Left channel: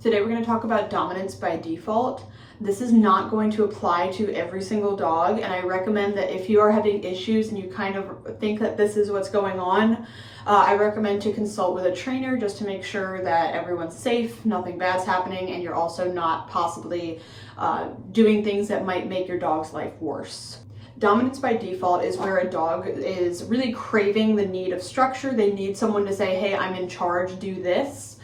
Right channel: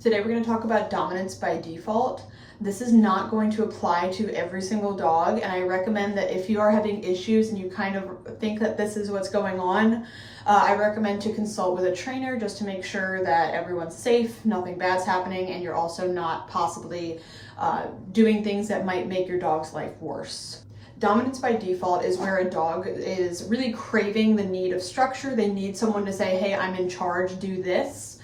Today we're going to talk about dominance by default. This is not going to apply to every single dog, and I recommend that if you are having issues and you kind of think that this is what's going on, I recommend to consult with a trainer just to make sure that everyone's safe, nothing bad's happening, and you're also not possibly doing things that might make your dog's life worse. Dominance by default is where a dog is really craving the need of structure. They need someone to say, hey, I'm in charge, do this.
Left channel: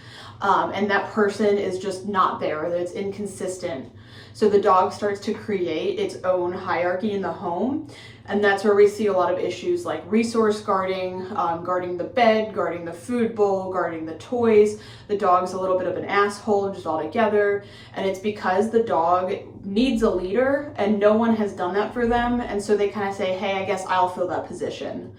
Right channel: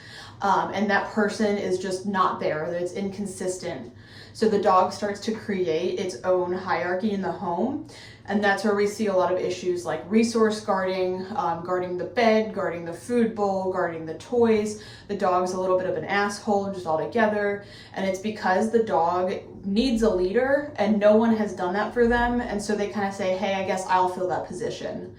And that person is just not there, that it's inconsistent. So the dog starts to create its own hierarchy in the home. And that's where we see a lot of issues like resource guarding, guarding the bed, guarding the food bowl, guarding the toys. The dog's a little bit of an asshole just altogether. And it's because the dog needs a leader and no one has done that for them. And so they kind of say, hey, I guess I'll fill that position.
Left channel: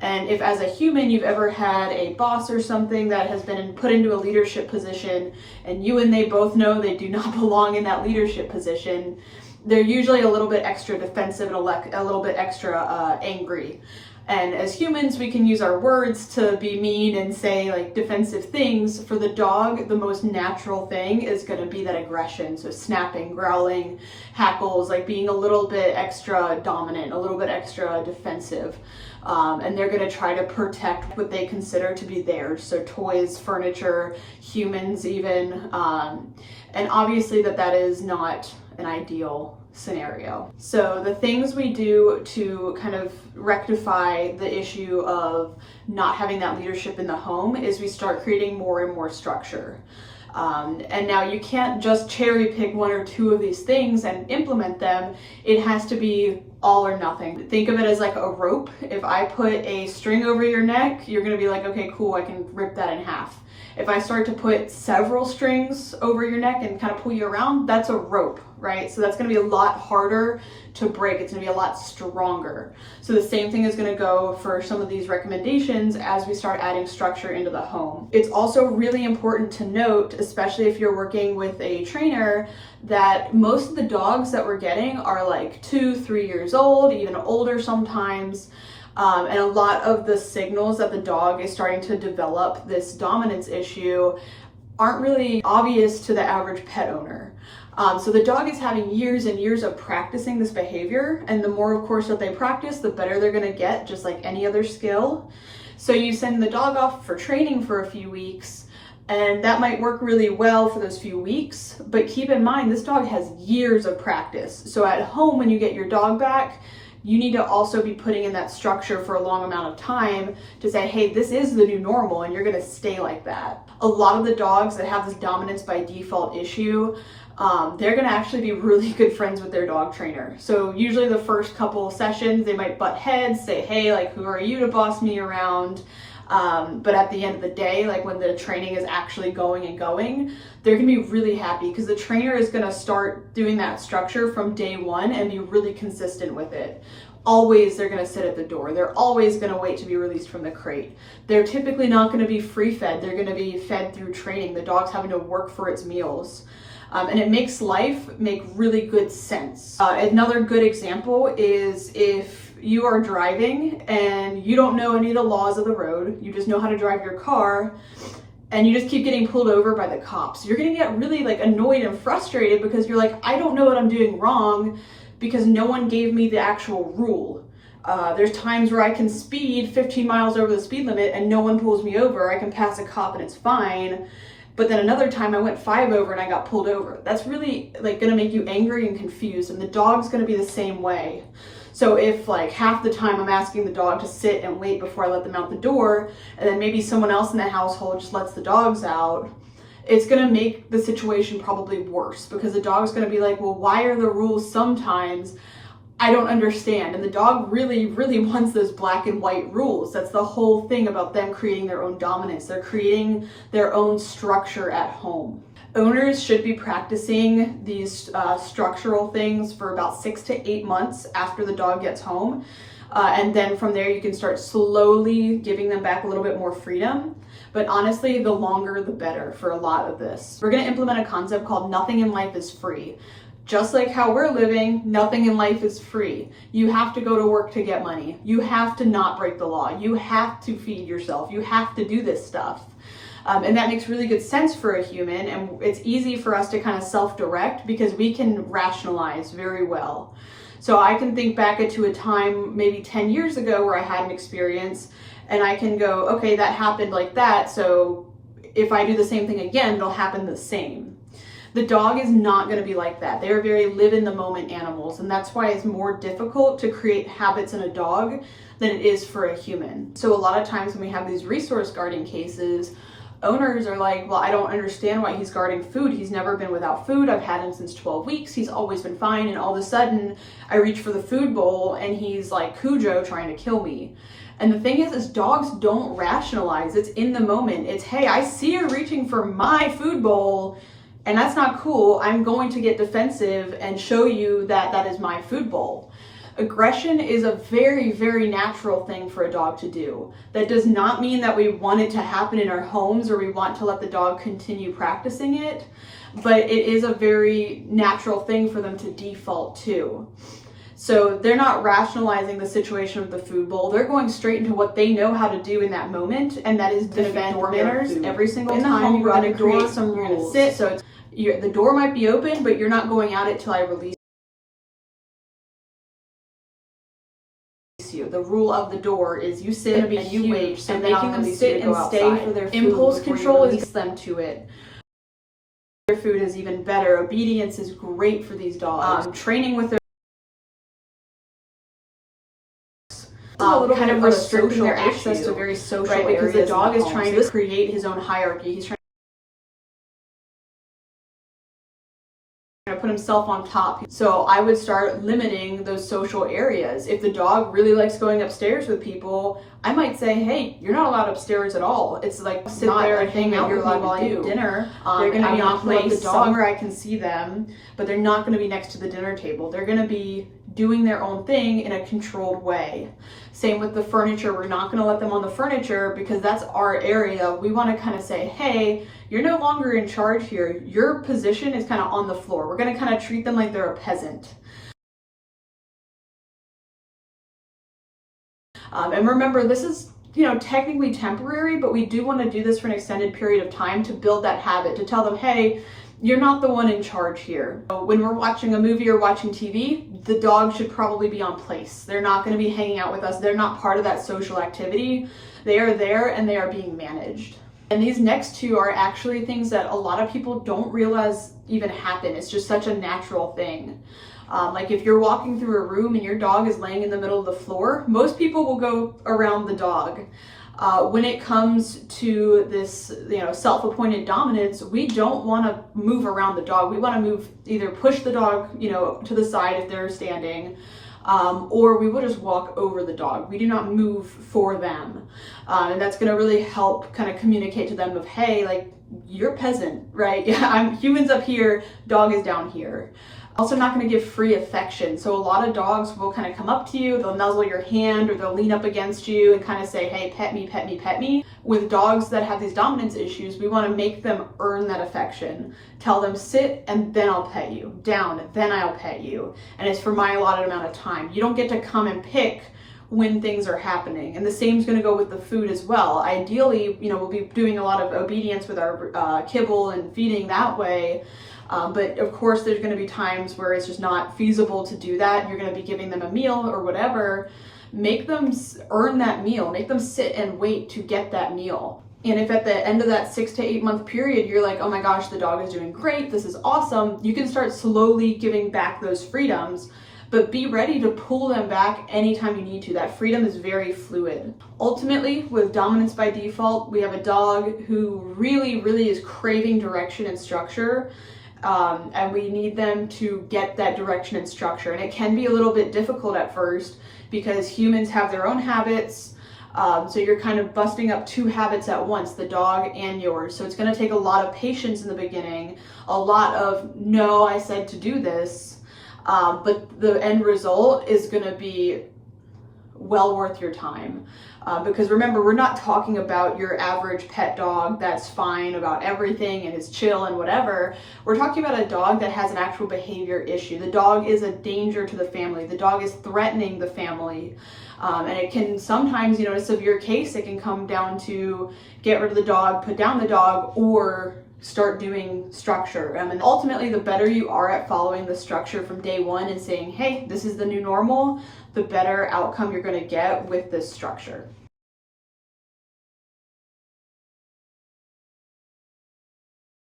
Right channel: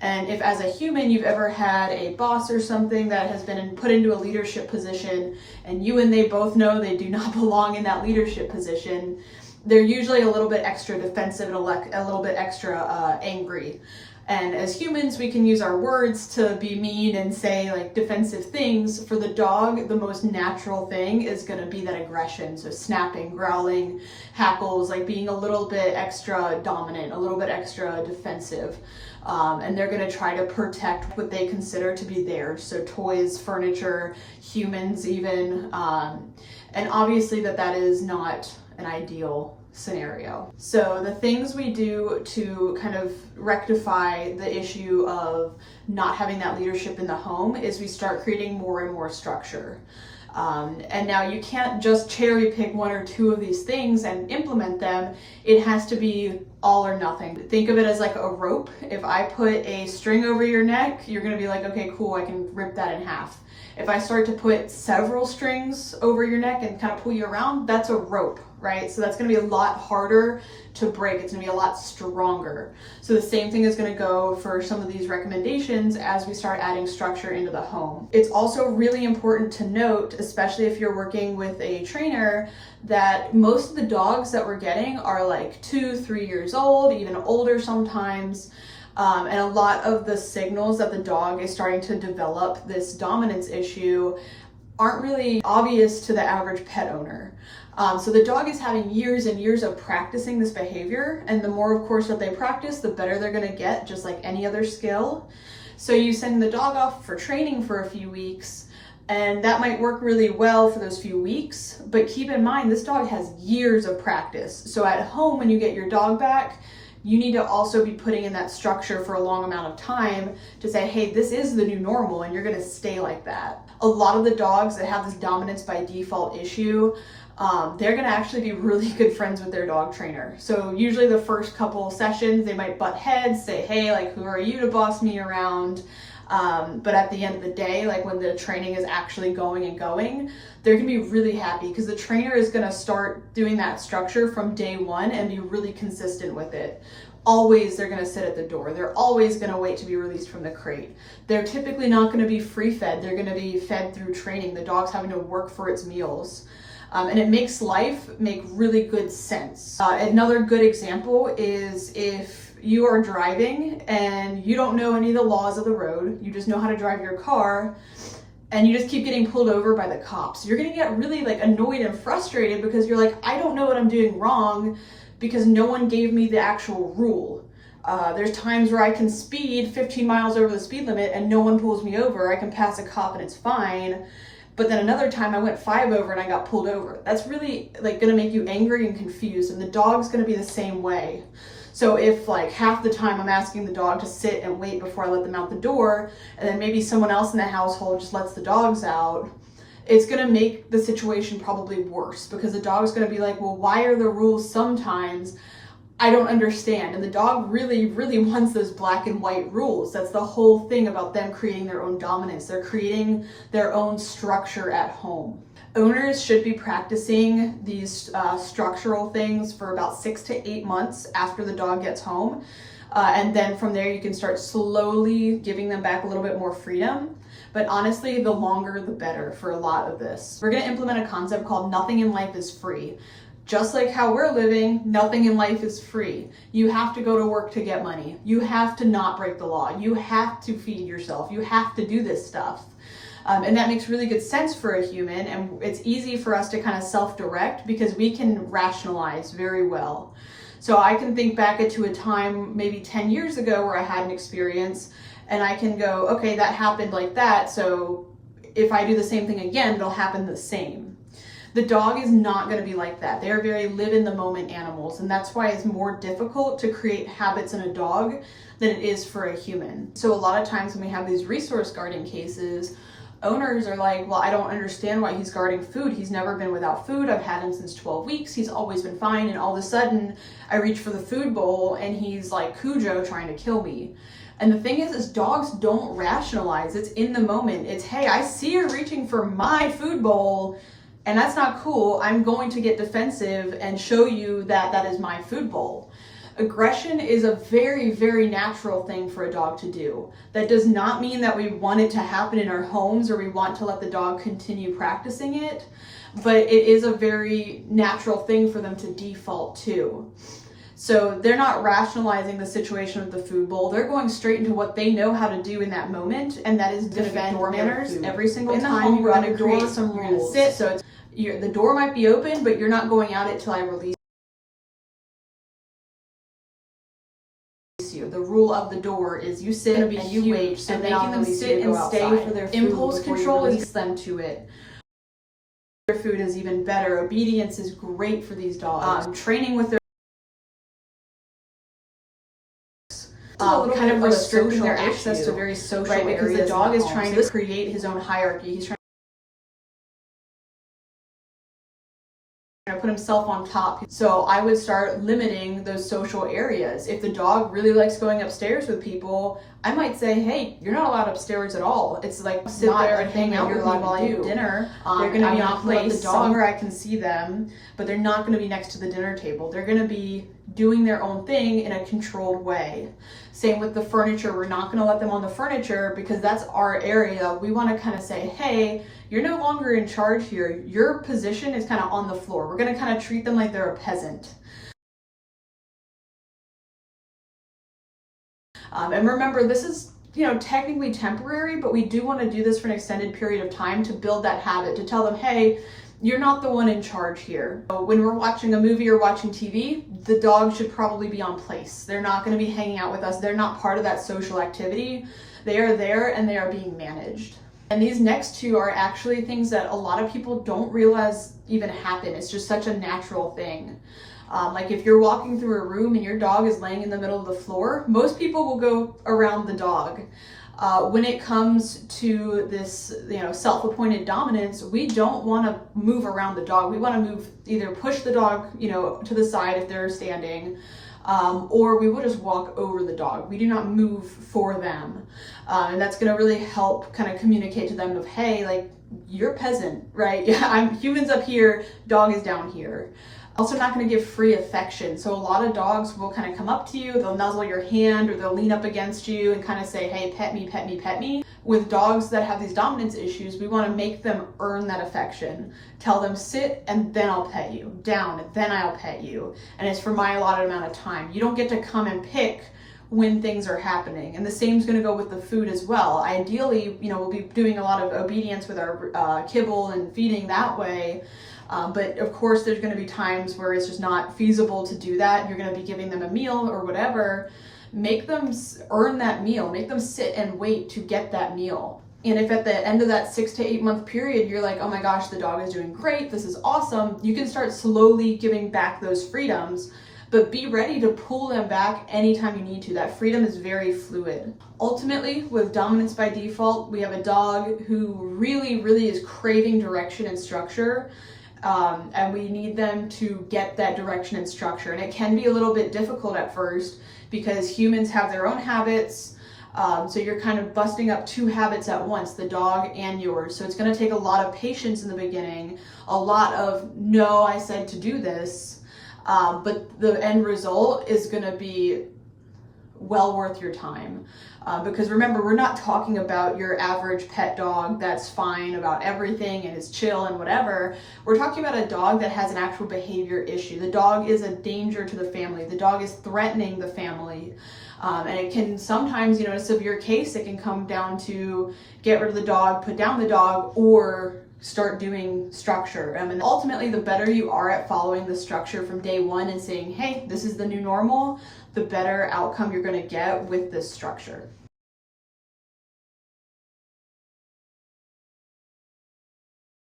And if as a human you've ever had a boss or something that has been put into a leadership position and you and they both know they do not belong in that leadership position, they're usually a little bit extra defensive and a little bit extra angry. And as humans, we can use our words to be mean and say like defensive things. For the dog, the most natural thing is going to be that aggression. So snapping, growling, hackles, like being a little bit extra dominant, a little bit extra defensive. And they're going to try to protect what they consider to be theirs. So toys, furniture, humans even. And obviously that is not an ideal scenario. So the things we do to kind of rectify the issue of not having that leadership in the home is we start creating more and more structure. And now you can't just cherry pick one or two of these things and implement them. It has to be all or nothing. Think of it as like a rope. If I put a string over your neck, you're gonna be like, okay, cool, I can rip that in half. If I start to put several strings over your neck and kind of pull you around, that's a rope, right? So that's gonna be a lot harder to break. It's gonna be a lot stronger. So the same thing is gonna go for some of these recommendations as we start adding structure into the home. It's also really important to note, especially if you're working with a trainer, that most of the dogs that we're getting are like 2-3 years old, even older sometimes. And a lot of the signals that the dog is starting to develop this dominance issue aren't really obvious to the average pet owner. So the dog is having years and years of practicing this behavior, and the more, of course, that they practice, the better they're gonna get, just like any other skill. So you send the dog off for training for a few weeks, and that might work really well for those few weeks, but keep in mind, this dog has years of practice. So at home, when you get your dog back, you need to also be putting in that structure for a long amount of time to say, hey, this is the new normal and you're gonna stay like that. A lot of the dogs that have this dominance by default issue, they're gonna actually be really good friends with their dog trainer. So usually the first couple of sessions, they might butt heads, say, hey, like, who are you to boss me around? But at the end of the day, like when the training is actually going, they're gonna be really happy because the trainer is gonna start doing that structure from day one and be really consistent with it. Always they're gonna sit at the door. They're always gonna wait to be released from the crate. They're typically not gonna be free fed. They're gonna be fed through training. The dog's having to work for its meals. And it makes life make really good sense. Another good example is if you are driving and you don't know any of the laws of the road, you just know how to drive your car, and you just keep getting pulled over by the cops. You're gonna get really like annoyed and frustrated because you're like, I don't know what I'm doing wrong because no one gave me the actual rule. There's times where I can speed 15 miles over the speed limit and no one pulls me over. I can pass a cop and it's fine. But then another time I went 5 over and I got pulled over. That's really like gonna make you angry and confused, and the dog's gonna be the same way. So if like half the time I'm asking the dog to sit and wait before I let them out the door, and then maybe someone else in the household just lets the dogs out, it's gonna make the situation probably worse because the dog's gonna be like, well, why are the rules sometimes? I don't understand. And the dog really, really wants those black and white rules. That's the whole thing about them creating their own dominance. They're creating their own structure at home. Owners should be practicing these structural things for about 6 to 8 months after the dog gets home. And then from there, you can start slowly giving them back a little bit more freedom. But honestly, the longer, the better for a lot of this. We're gonna implement a concept called nothing in life is free. Just like how we're living, nothing in life is free. You have to go to work to get money. You have to not break the law. You have to feed yourself. You have to do this stuff. And that makes really good sense for a human, and it's easy for us to kind of self-direct because we can rationalize very well. So I can think back to a time maybe 10 years ago where I had an experience, and I can go, okay, that happened like that, so if I do the same thing again, it'll happen the same. The dog is not going to be like that. They are very live in the moment animals, and that's why it's more difficult to create habits in a dog than it is for a human. So a lot of times when we have these resource guarding cases, owners are like, well, I don't understand why he's guarding food. He's never been without food. I've had him since 12 weeks. He's always been fine. And all of a sudden I reach for the food bowl and he's like Cujo trying to kill me. And the thing is dogs don't rationalize. It's in the moment. It's, hey, I see you're reaching for my food bowl and that's not cool. I'm going to get defensive and show you that that is my food bowl. Aggression is a very, very natural thing for a dog to do. That does not mean that we want it to happen in our homes or we want to let the dog continue practicing it, but it is a very natural thing for them to default to. So they're not rationalizing the situation of the food bowl. They're going straight into what they know how to do in that moment, and that is defend door manners. Every single time you're going to create some rules. So it's, the door might be open, but you're not going at it till I release you. The rule of the door is you sit and you wait, so making them sit and stay for their food. Impulse control is them to it. Their food is even better. Obedience is great for these dogs. Training with their kind of restricting their access to very social areas, because the dog is trying to create his own hierarchy. He's trying to put himself on top. So I would start limiting those social areas. If the dog really likes going upstairs with people, I might say, hey, you're not allowed upstairs at all. It's like sit there and hang out with me while you eat dinner. They're going to be on place somewhere I can see them, but they're not going to be next to the dinner table. They're going to be doing their own thing in a controlled way. Same with the furniture. We're not going to let them on the furniture because that's our area. We want to kind of say, hey, you're no longer in charge here. Your position is kind of on the floor. We're going to kind of treat them like they're a peasant. And remember, this is, technically temporary, but we do want to do this for an extended period of time to build that habit, to tell them, hey, you're not the one in charge here. When we're watching a movie or watching TV, the dog should probably be on place. They're not going to be hanging out with us. They're not part of that social activity. They are there and they are being managed. And these next two are actually things that a lot of people don't realize even happen. It's just such a natural thing. Like if you're walking through a room and your dog is laying in the middle of the floor, most people will go around the dog. When it comes to this, self-appointed dominance, we don't want to move around the dog. We want to either push the dog, to the side if they're standing, or we will just walk over the dog. We do not move for them. And that's going to really help kind of communicate to them of, hey, like, you're peasant, right? Yeah, I'm humans up here, dog is down here. Also not going to give free affection. So a lot of dogs will kind of come up to you, they'll nuzzle your hand or they'll lean up against you and kind of say, hey, pet me, pet me, pet me. With dogs that have these dominance issues, we want to make them earn that affection. Tell them sit and then I'll pet you, down, then I'll pet you. And it's for my allotted amount of time. You don't get to come and pick when things are happening. And the same is going to go with the food as well. Ideally, we'll be doing a lot of obedience with our kibble and feeding that way. But of course, there's going to be times where it's just not feasible to do that. You're going to be giving them a meal or whatever. Make them earn that meal. Make them sit and wait to get that meal. And if at the end of that 6 to 8 month period, you're like, oh my gosh, the dog is doing great, this is awesome, you can start slowly giving back those freedoms, but be ready to pull them back anytime you need to. That freedom is very fluid. Ultimately, with dominance by default, we have a dog who really, really is craving direction and structure. And we need them to get that direction and structure. And it can be a little bit difficult at first because humans have their own habits. So you're kind of busting up two habits at once, the dog and yours. So it's going to take a lot of patience in the beginning, a lot of, no, I said to do this. But the end result is going to be well worth your time. Because remember, we're not talking about your average pet dog that's fine about everything and is chill and whatever. We're talking about a dog that has an actual behavior issue. The dog is a danger to the family. The dog is threatening the family. And it can sometimes, in a severe case, it can come down to get rid of the dog, put down the dog, or start doing structure. And ultimately, the better you are at following the structure from day one and saying, hey, this is the new normal, the better outcome you're going to get with this structure.